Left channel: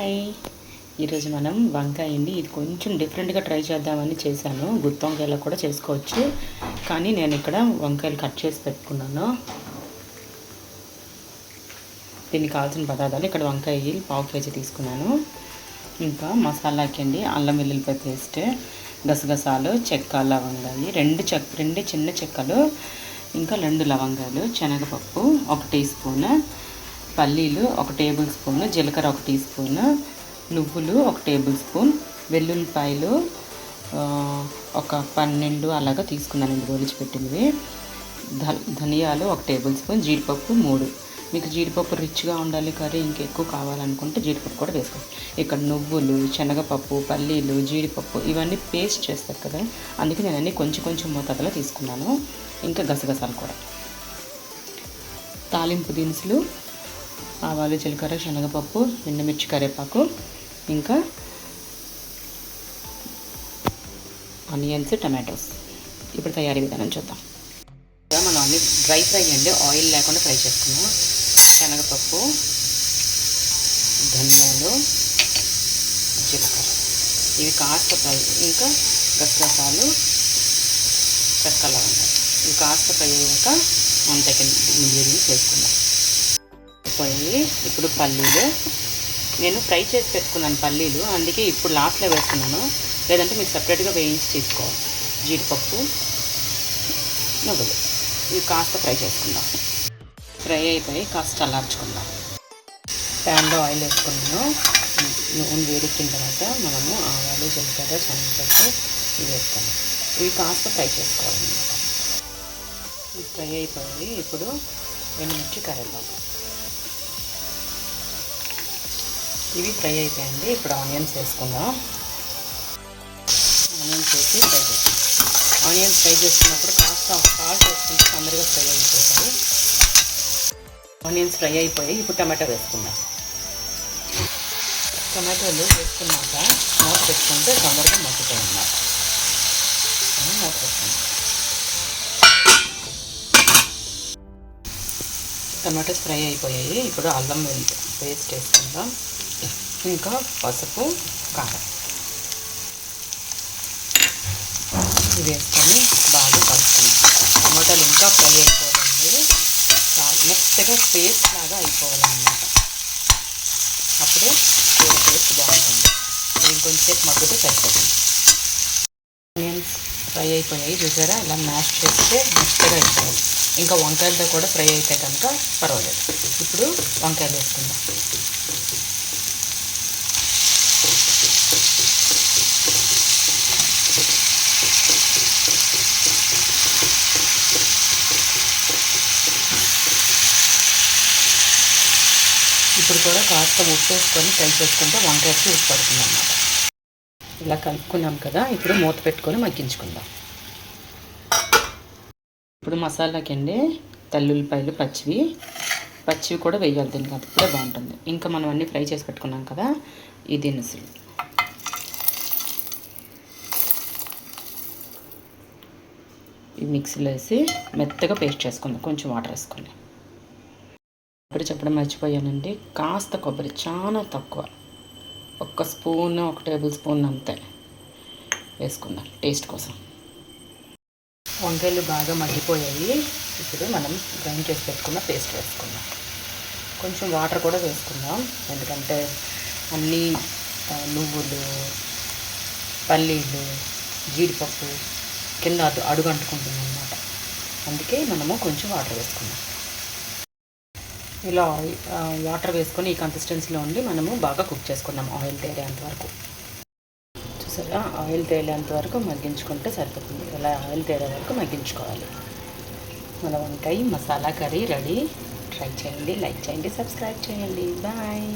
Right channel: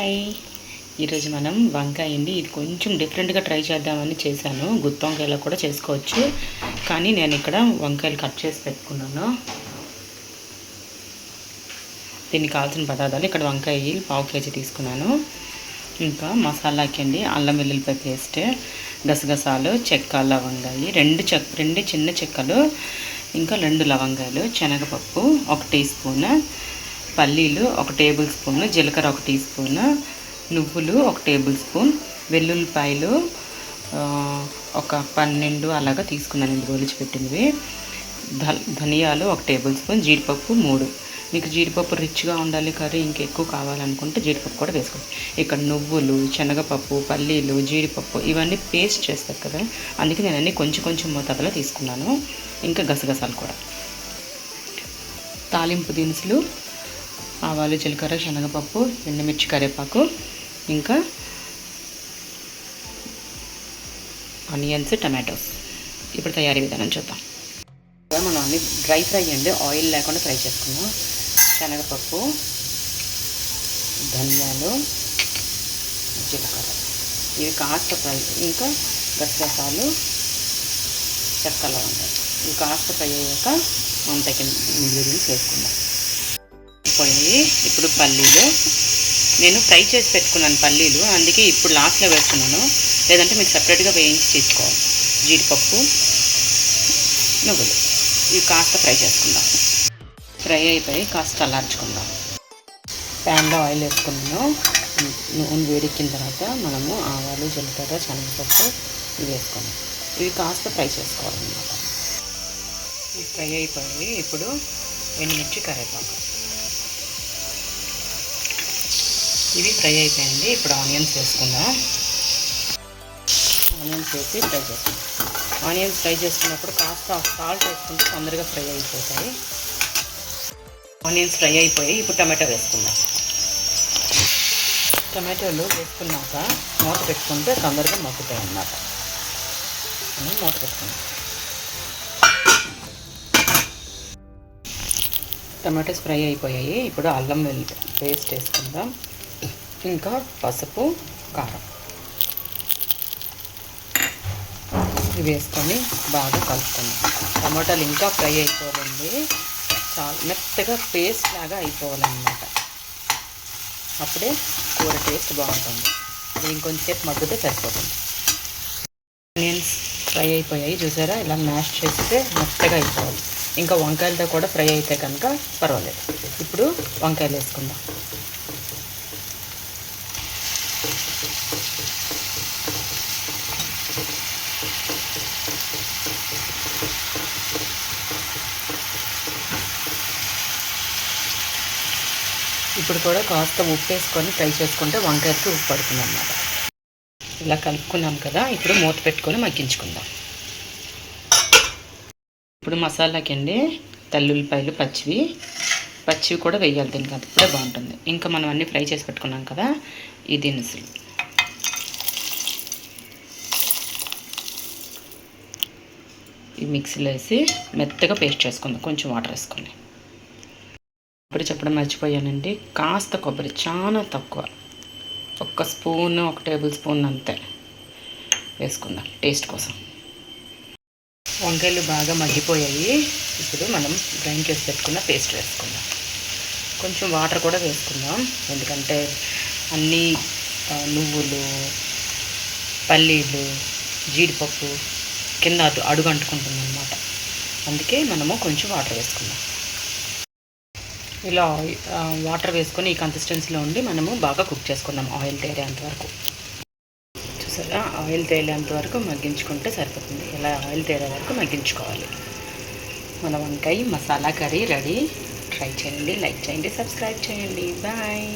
Hi, ఈరోజు మనం వంకాయ అండి. ఇది కొంచెం డిఫరెంట్గా ట్రై చేద్దామని చేశాను. గుత్తి వంకాయలో కూడా చేసుకోవచ్చు, కానీ నేను ఇక్కడ వంకాయలు కట్ చేసి పెట్టుకున్నాను. దీనికి కావాల్సిన పదార్థాలు ఇక్కడ వంకాయ 1/2 కేజీ తీసుకున్నాను. ఇంకా మసాలాకి అండి అల్లం వెల్లుల్లిపాయ పేస్ట్, గసగసాలు, చెక్క, లవంగాయి, రెండు చిన్న చెక్కలు, ఇంకా 2 లవంగాలు, శనగపప్పు 1 టీ స్పూన్, పల్లీలు 1 టేబుల్ స్పూన్, జీలకర్ర 1 టీ స్పూన్, నువ్వులు 1 టేబుల్ స్పూన్, వెల్లుల్లిపాయలు ఒక 12 అలాగా తీసుకున్నానండి ఒలిచిపెట్టినవి, ధనియాలు 1 టేబుల్ స్పూన్, జీడిపప్పు 3. మీకు జీడిపప్పు రిచ్గా ఉండాలి, కర్రీ ఇంకెక్కువ కావాలనుకుంటే జీడిపప్పు కూడా వేసుకోవచ్చు. ఇక్కడ నువ్వులు, శనగపప్పు, పల్లీలు, జీడిపప్పు ఇవన్నీ పేస్ట్ చేస్తారు కదా, అందుకే నేను అన్నీ కొంచెం మోతాదులో తీసుకున్నాను. ఇంకా గసగసాలు కూడా, తాలింపు దినుసులు, ఆవాలు, జీలకర్ర, శనగపప్పు, ఎండుమిర్చి, కరివేపాకు, ఇంకా ఆనియన్స్, టమాటోస్. ఇప్పుడు తయారీ విధానం చూద్దాం. మనం అన్ని డ్రై ఫ్రై అండి, ఆయిల్ లేకుండా ఫ్రై చేసుకున్నాం. శనగపప్పు, ధనియాలు, జీలకర్ర ఇవి కాస్త ఫ్రై, ఇంకా గసగసాలు, చెక్క, లవంగాలు ఇవి కాస్త ఫ్రై అయ్యాక మన తగిన ఇంగ్రీడియంట్స్ వేసుకుందాం. పోయాయి. ఇప్పుడు పల్లీలు నేను ఫ్రై చేసి పెట్టుకున్నాను పల్లీలు, అందుకే ఇప్పుడు లాస్ట్లో వేస్తున్నాను, లేదంటే మీరు సపరేట్గా వేయించి తీసుకోవాలి. జీడిపప్పు, నువ్వులు ఇవి కాస్త ఫ్రై చేసుకుందాం. ఫ్రై అయిపోయి కాస్త చల్లార్చుకుందాం. ప్యాన్లో ఆయిల్ వేసుకున్నాను. నూనె వేడెక్కిన తర్వాత మనము ఆవాలు, జీలకర్ర, శనగపప్పు ఇవి వేసుకున్నాం. ఇవి కాస్త ఫ్రై చేసుకోవాలన్నమాట. ఇవి ఫ్రై అయిపోయి ఇప్పుడు ఎండుమిర్చి, కరివేపాకు ఇవి ఫ్రై అయిపోయాయండి. ఇప్పుడు ఆనియన్స్ వేసుకుందాం. ఆనియన్స్ వేసి ఫ్రై చేస్తాం. ఆనియన్స్ ఫ్రై చేసుకున్నప్పుడు కాస్త సాల్ట్ వేసుకుంటే తొందరగా ఫ్రై అయిపోతాయి. ఆనియన్స్ ఫ్రై అయిపోయి ఇప్పుడు టమాటో వేసుకుందాం. టమాటోలు వేసుకున్నాక మూత పెట్టుకుంటే తొందరగా మగ్గుతాయి అన్నమాట. మూత పెట్టుకుందాం. టమాటోస్ ఫ్రై అయిపోయాయి. ఇప్పుడు అల్లం వెల్లుల్లి పేస్ట్ వేసుకుందాం. ఇంకా పసుపు, కారం ఇవి వేసుకొని బాగా కలుపుకుందాం. టమాటాలు ఇంకా ఫ్రై అయిపోవాలండి, చాలా మెత్తగా పేస్ట్ లాగా అయిపోవాలన్నమాట. అప్పుడే కూర టేస్ట్ బాగుంటుంది. ఇంకొంచెంసేపు మగ్గితే సరిపోతుంది. ఆనియన్స్ ఫ్రై అయిపోయాయి, చూసారా, ఇలా మ్యాష్ చేస్తే మెత్తగా అయిపోవాలి. ఇంకా వంకాయలతో కూడా ఫ్రై అయితే కనుక పర్వాలేదు. ఇప్పుడు వంకాయలు వేసుకుందాం. ఇప్పుడు కూడా కాస్త ఉప్పు వేసుకొని ఫ్రై చేసుకుంటే వంకాయకి ఉప్పు పడుతుంది అన్నమాట. ఇలా కలుపుకున్నాం కదా, ఇప్పుడు మూత పెట్టుకొని మగ్గించుకుందాం. ఇప్పుడు మసాలాకి అండి తెల్లుల్లిపాయలు పచ్చివి కూడా వేయాలి దీనికి, అది కూడా బాగుంటుంది. ఇంకా మనం అన్నీ ఫ్రై చేసి పెట్టుకున్నాం కదా, ఈ దినుసులు ఈ మిక్సీలో వేసి మెత్తగా పేస్ట్ చేసుకుందాం, కొంచెం వాటర్ వేసుకొని. ఇప్పుడు చెప్పడం మర్చిపోయానండి, కాస్త కొబ్బరి, చాలా తక్కువ, 1 స్పూన్, 1 టేబుల్ స్పూన్ అంతే వేసుకుందాం టేస్ట్ కోసం. వంకాయలు బాగా మగ్గిపోయాయి. ఇప్పుడు మనం గ్రైండ్ చేసి పెట్టుకున్న పేస్ట్ వేసుకుందాం. కొంచెం వాటర్ కూడా వేసుకుందాం, ఎందుకంటే అన్నీ నువ్వులు, పల్లీలు, జీడిపప్పు కింద అడుగు అంటుకుంటుంది అన్నమాట. అందుకే మనము కొంచెం వాటర్ వేసుకుందాం. ఇలా వాటర్ వేసుకొని ఈ కన్సిస్టెన్సీలో ఉండి మనము బాగా కుక్ చేసుకుందాం ఆయిల్ తేలేంత వరకు. చూసారా, ఆయిల్ తేలేంత వరకు మగ్గించుకుంటే సరిపోతుంది. ఇలా ఆయిల్ తేలే వరకు మగ్గించుకోవాలి. మన వంకాయ మసాలా కర్రీ రెడీ. ట్రై చేయండి, లైక్ చేయండి, సబ్స్క్రైబ్ చేయండి. బాయ్.